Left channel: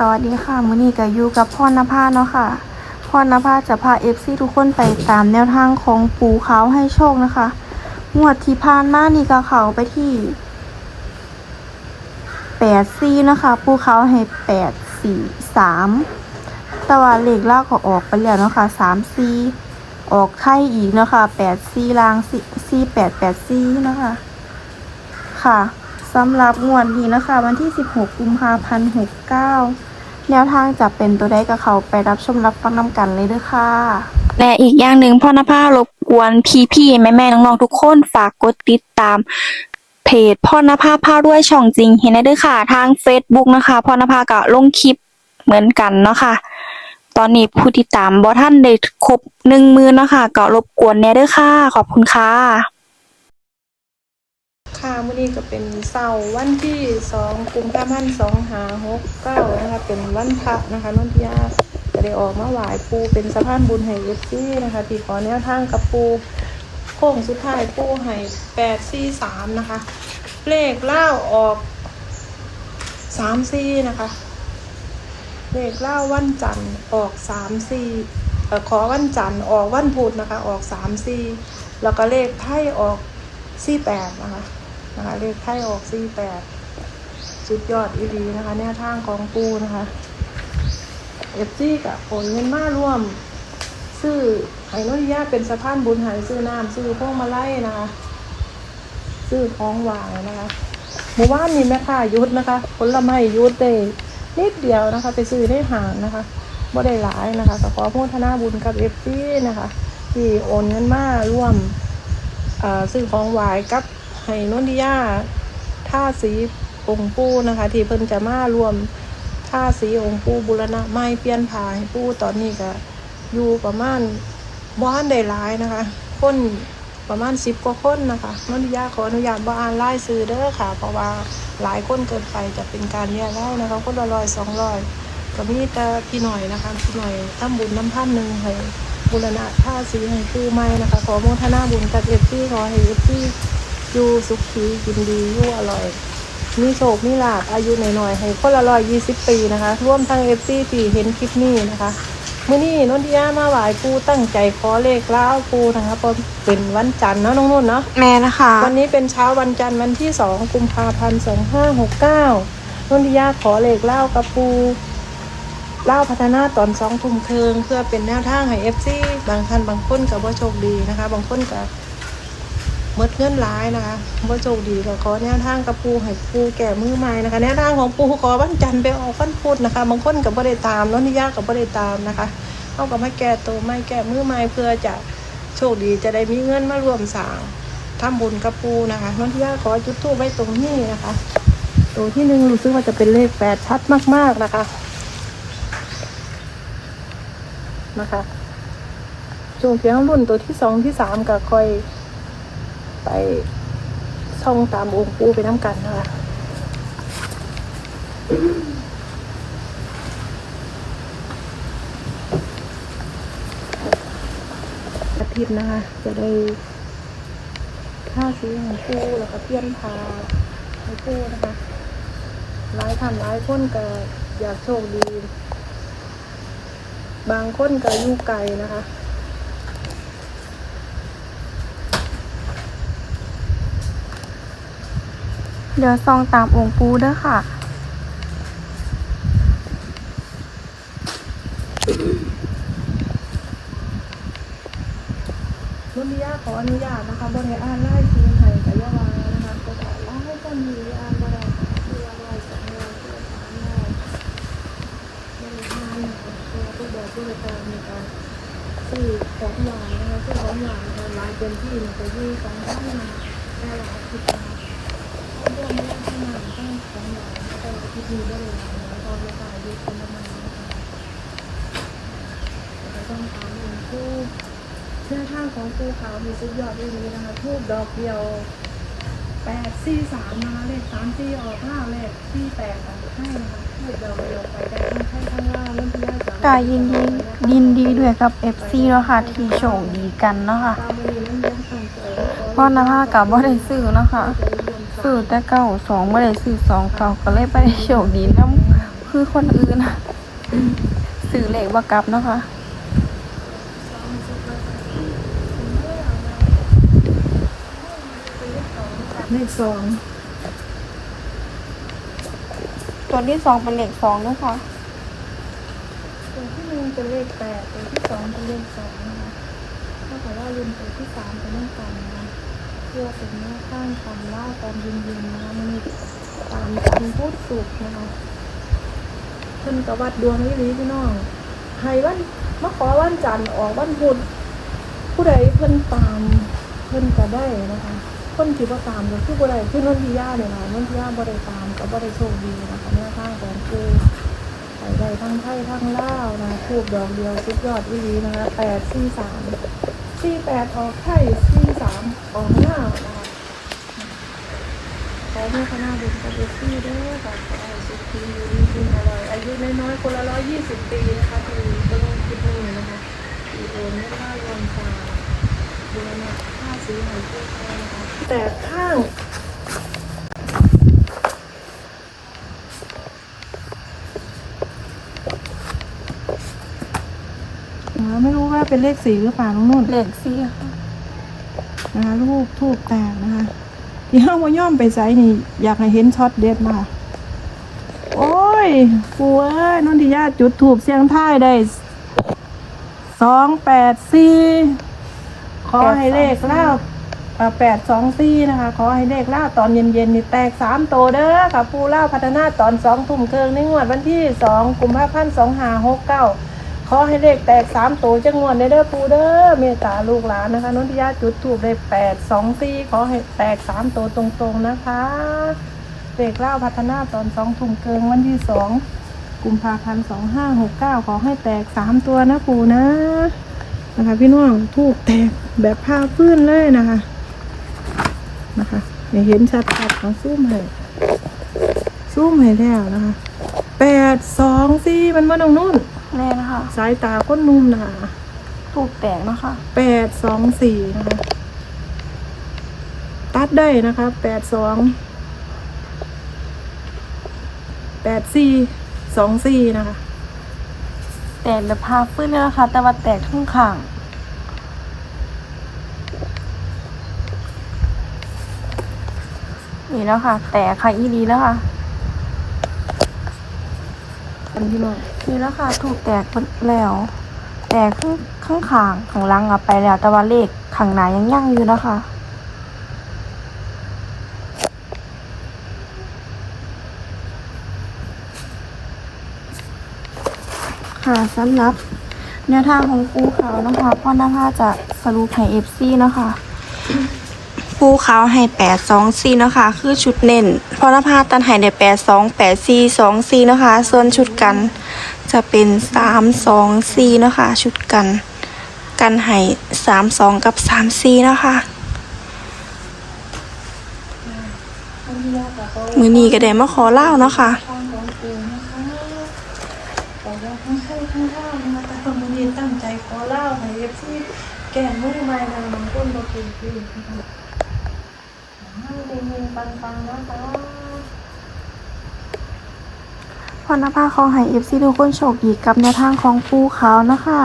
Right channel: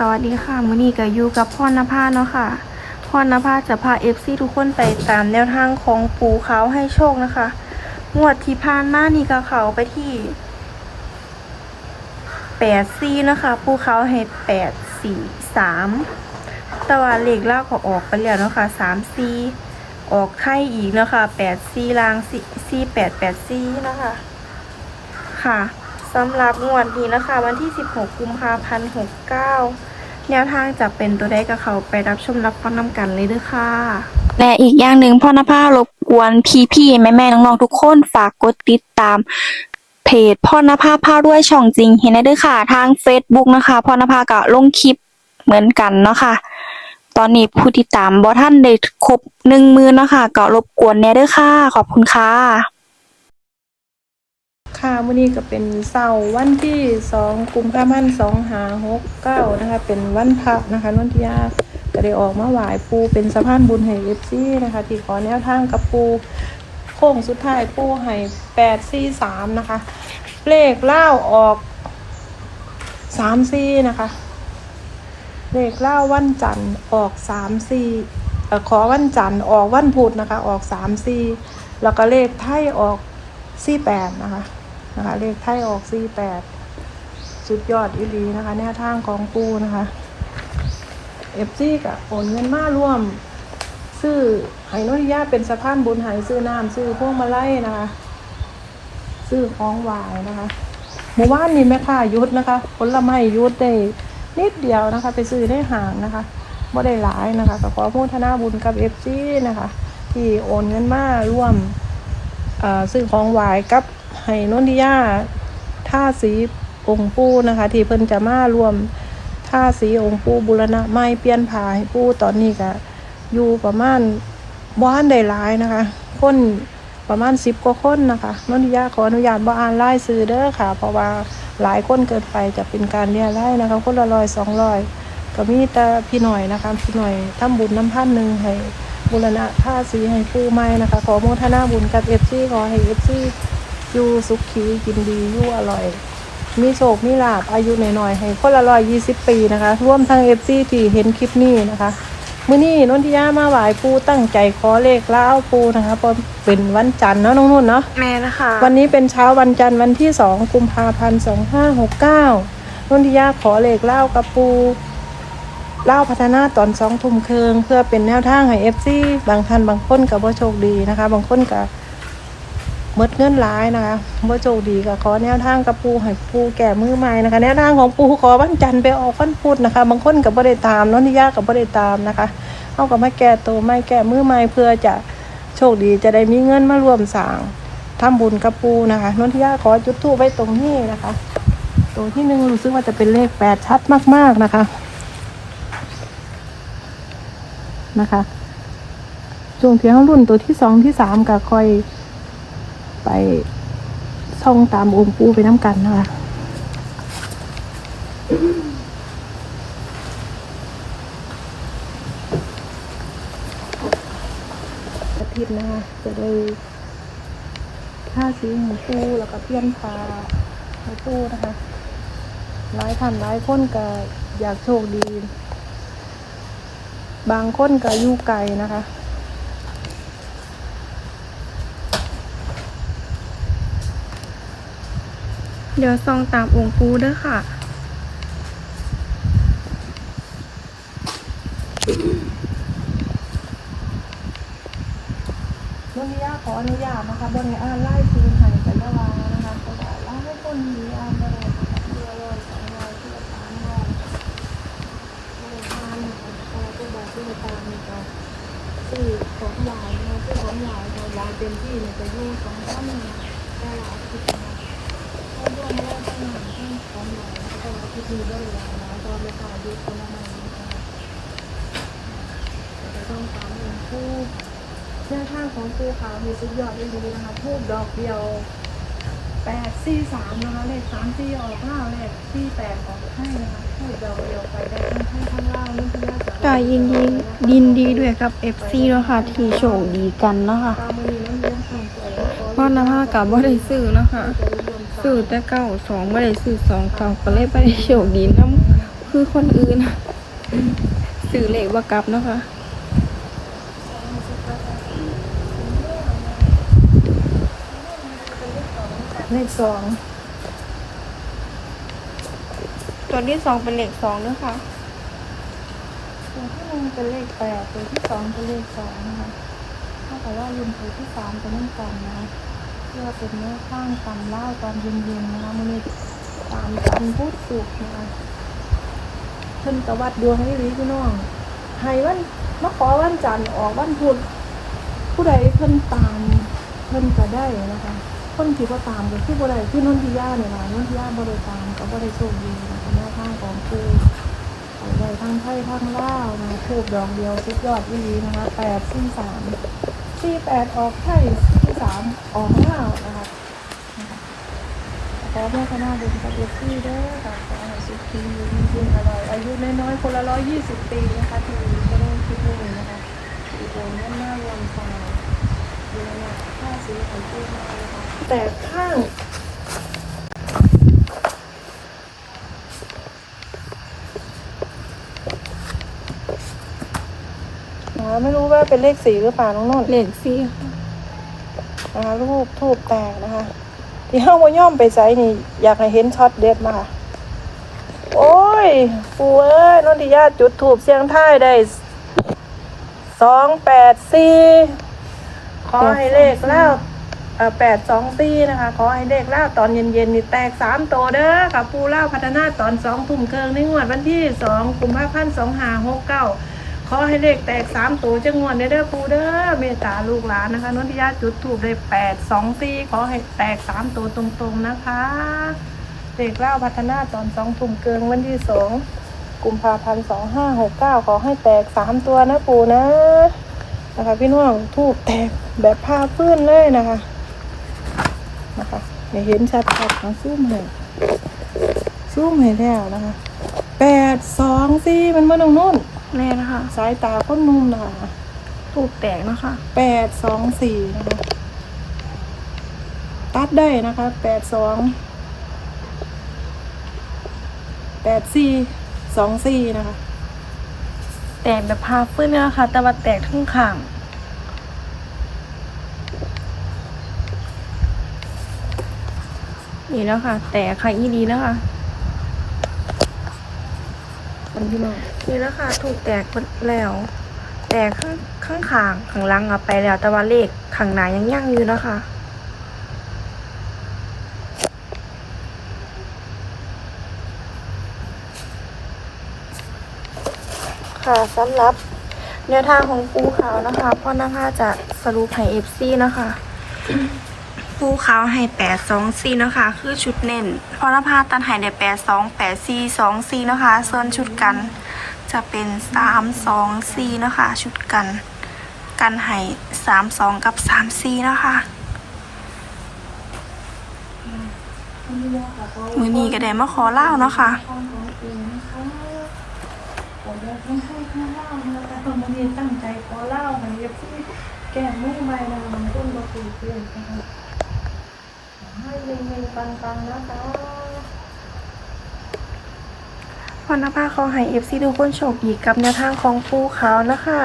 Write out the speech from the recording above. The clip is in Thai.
สวัสดีค่ะมื้อนี้ก็อยู่กับพรณภาเนาะค่ะพรณภาจะพา FC ทุกคนไปตามแนวทางของปูเขาให้โชคนะคะงวดที่ผ่านมานี่ก็เขาไปที่แปดซีนะคะปูเขาให้แปดสี่สามแต่ว่าเลขล่าก็ออกไปแล้วเนาะค่ะสามซีออกไข่อีกเนาะค่ะแปดซีลางซีแปดแปดซีนะคะค่ะสำหรับงวดนี้นะคะ วันที่ 16 กุมภาพันธ์ 69 แนวทางจะเป็นตัวใดกับเขาไปรับชมรับฟังนำกันเลยเด้อค่ะและอีกอย่างหนึ่งพ่อหน้าผ้ารบกวนพี่ๆแม่ๆน้องๆทุกคนฝากกดติดตามเพจพ่อหน้าผ้าผ้าด้วยช่องจริง เห็นได้ด้วยค่ะ ทาง Facebook นะคะพ่อหน้าผ้าก็ลงคลิปเหมือนกันเนาะค่ะ ตอนนี้ผู้ติดตามบอท่านได้ครบหนึ่งมือเนาะค่ะก็รบกวนแน่เด้อค่ะ ขอบคุณค่ะ ค่ะวันนี้ก็เป็นเสาร์วันที่สองกุมภาพันธ์สองหาหกเก้านะคะเป็นวันพักนะคะวันที่ห้าก็ได้ออกมาหวายปูเป็นสะพานบุญแห่งยิปซี่นะคะที่ขอแนวทางกับปูโค้งสุดท้ายปูให้แปดสี่สามนะคะ เลขเล่าออกสามสี่นะคะ เลขเล่าวันจันทร์ออกสามสี่เอ่อขอวันจันทร์ออกวันพุธนะคะ ออกสามสี่แล้วก็เลขไพ่ออกสี่แปดนะคะนะคะเลขไพ่ออกสี่แปด สุดยอดอีรีนะคะแนวทางของปูนะคะเอฟซีกับโอนเงินมาร่วม ซื้อไห้วิญญาเป็นสะพานบุญหายซื้อน้ำซื้อพวกมาไล่นะคะซื้อของหวานนะคะหมู่บ้านนี่แม่ค้ายุดนะคะผลไม้ยุดได้นิดเดียวนะคะ ไปซื้อได้ห่างนะคะบ่ได้หลายนะคะแต่ขอพูดธนาบุญกับเอฟซีนะคะ ที่โอนเงินมาร่วมอ่าซื้อของหวายกับไห้นนทิยาท่าสี องค์ปู่นะคะ ที่เพิ่นจะมารวมท่าสีองค์ปู่บุรณะไม้เปลี่ยนผ่าให้ปู่ตอนนี้ก็อยู่ประมาณบ้านได้หลายนะคะ คนประมาณสิบกว่าคนนะคะนนทิยาขออนุญาตบ่อ่านรายซื้อเด้อค่ะ เพราะว่าหลายคนเกินไปจะเป็นการเรียกเล่นะคะคนละร้อยสองร้อยก็มีแต่พี่หน่อยนะคะพี่หน่อยทำบุญน้ำท่านหนึ่งให้บุรณะท่าสีให้ผู้ใหม่นะคะขอโมทนาบุญกับเอฟซีขอให้เอฟซีอยู่สุขีกินดีอยู่อร่อย มีโชคมีลาภอายุหน่อยๆให้คนละร้อยยี่สิบปีนะคะท่วมทางเอฟซีที่เห็นคลิปนี้นะคะมื้อนี้นนทิยามาไหว้ปูตั้งใจขอเลขเล้าวปูนะคะเพราะเป็นวันจันทร์เนาะน้องนุ่นเนาะแม่นะคะ วันนี้เป็นเช้าวันจันทร์วันที่สองกุมภาพันธ์สองห้าหกเก้านนทิยาขอเลขเล่ากับปูเล่าพัฒนาตอนสองทุ่มครึ่งเพื่อเป็นแนวทางให้เอฟซีบางท่านบางคนกับว่าโชคดีนะคะ บางคนกับ มดเงินร้ายนะคะว่าโชคดีก็ขอแนวทางกับปูให้ปูแก่มือใหม่นะคะ แนวทางของปูขอวันจันทร์ไปออกวันพุธนะคะ บางคนกับบริตามนนทิยากับบริตามนะคะเขาก็ไม่แก่ตัวไม่แก่มือใหม่เพื่อจะโชคดีจะได้มีเงินมารวมสางทำบุญกับปูนะคะนนทิยาขอจุดทูปไว้ตรงนี้นะคะตัวที่หนึ่งซึ่งว่าจะเป็นเลขแปดชัดมากๆนะคะนะคะช่วงเที่ยงรุ่นตัวที่สองที่สามก็ค่อย ไปช่องตามองค์ปูไปน้ำกันนะคะอาทิตย์นะคะจะได้ถ้าซื้อหมูปูกับเพี้ยนพาหมูปูนะคะหลายท่านหลายคนก็อยากโชคดีบางคนก็อยู่ไกลนะคะ เดี๋ยวซองตามองค์ปูเด้อค่ะ นุญาตขออนุญาตนะคะบนในอ่านไล่ทีให้ไปละวานะคะก็ได้อ่านไม่ต้องมีอ่านได้ทีละร้อยสองร้อยสามร้อยอ่านคนก็บอกที่ตามนี่ก็ซื้อของหวานนะคะซื้อของหวานของหวานเต็มที่นี่ก็อยี่สองพันละหลายสิบนะรวมแล้วทั้งหมดที่ของหวาน ก็ที่มีได้เลยนะตอนนี้ก็อายุประมาณนะคะแต่ต้องตามเงินคู่แนวทางของปูขาวมีสุดยอดเลยนะคะทูบดอกเดียวแปดสี่สามนะคะเลขสามสี่ออกห้าเลขสี่แปดออกให้นะคะทูบดอกเดียวไปได้ทั้งให้ทั้งล่างนั่นคือยากจะกายยินดียินดีด้วยกับ FC เนาะค่ะที่โชคดีกันเนาะค่ะตามมือนี้นั่นเลี้ยงส่งเสริมพรณภากับบ่ได้ซื้อเนาะค่ะ ซื้อแต่เก้าสองบ่ได้ซื้อสองเขาก็เลยบ่ได้โชคดีน้ำคือคนอื่นสื่อเลขว่ากลับเนาะคะเลขสองตัวที่สองเป็นเลขสองเนาะคะตัวที่หนึ่งเป็นเลขแปดตัวที่สองเป็นเลขสองนะคะถ้าแต่ว่าลืมตัวที่สามเป็นเลขสองนะ เพื่อเป็นเลขข้างกันเล่าตอนเย็นๆนะมันตามคำพูดสูตรนะคะเพิ่นกวัดดวงนี่ลิพี่น้องให้วันมาขอวันจันทร์ออกวันพุธผู้ใดเพิ่นตามเพิ่นก็ได้นะคะคนที่ว่าตามก็คือผู้ใดคือนุ่นที่ย่าเนี่ยนุ่นที่ย่าบริการก็บริโภคดีนะคะแนวทางของคือเลยทั้งไทยทั้งลาวนะทูบอย่างเดียวสุดยอดอีหลีนะคะแปดสี่สามสี่แปดออกไทย สี่สามออกห้านะคะขอได้คณะดูนะคะดูที่ได้อค่ะสุดที่คุณอายุน้อยๆคนละร้อยยี่สิบปีนะคะที่ดูที่ดูนะคะดูน้อยๆตรงกลางดูนะห้าสีสีที่แต่ข้างอ๋อไม่รู้ว่าเป็นเลขสีหรือเปล่าน้องนุ่นเลขสีค่ะ นะคะลูกทูบแตกนะคะ ที่ห้าโมย่อมไปใส่นี่ อยากให้เห็นช็อตเด็ดมากโอ้ยปูเอ้ยนนทิยาจุดถูบเสียงท้ายได้สองแปดสี่ขอให้เลขเล่าแปดสองสี่นะคะ ขอให้เลขเล่าตอนเย็นๆนี่แตกสามโตเด้อค่ะปูเล่าพัฒนาตอนสองทุ่มเกิงในงวดวันที่สองกุมภาพันธ์สองห้าหกเก้า ขอให้เลขแตกสามตัวจังงวนเด้อเด้อปูเด้อเมตตาลูกหลานนะคะนนทิยาจุดถูกได้แปดสองสี่ขอให้แตกสามตัวตรงๆนะคะเด็กเล่าพัฒนาตอนสองทุ่มเกินวันที่สองกุมภาพันธ์สองห้าหกเก้าขอให้แตกสามตัวนะปูนะนะคะ พี่น้องถูกแตกแบบผ้าพื้นเลยนะคะนะคะหเห็นชัดๆของซูมเลยซูมให้แล้วนะคะแปดสองสี่มันมาตรงนู้น แม่นะคะสายตาก้นมุมหนาถูกแตกเนาะคะแปดสองสี่นะคะ ตัดได้นะคะแปดสองแปดสี่สองสี่นะคะ แตกแบบพาฟื้นเลยนะคะ แต่ว่าแตกทั้งข้างนี่แล้วค่ะ แตกค่ะอีดีแล้วค่ะ คนที่น้องนี่แล้วค่ะถูกแตกแล้ว แตกข้างข้างขางข้างหลังอะไปแล้ว แต่ว่าเลขข้างหน้ายังยั่งอยู่นะคะค่ะสำหรับแนวทางของปูขาวนะคะพ่อนะคะจะสรุปให้เอฟซีนะคะ ปูขาวให้แปดสองสี่นะคะคือชุดเน้นพอนภาตันให้ได้แปดสองแปดสี่สองสี่นะคะส่วนชุดกันจะเป็นสามสองสี่นะคะชุดกัน กันให้สามสองกับสามสี่นะคะคนที่ยากกับเขามือนี้ก็ได้มาขอเล่าเนาะคะตั้งให้ทั้งเล่านะตั้งใจขอเล่าให้เอฟซีแก่ไม่ทำไมนะมันก้นก็คือเพื่อน นะคะให้เงินปันๆนะคะพรณภาของห้เอฟซีทุกคนโชคดีกับแนวทางของปูขาวนะคะ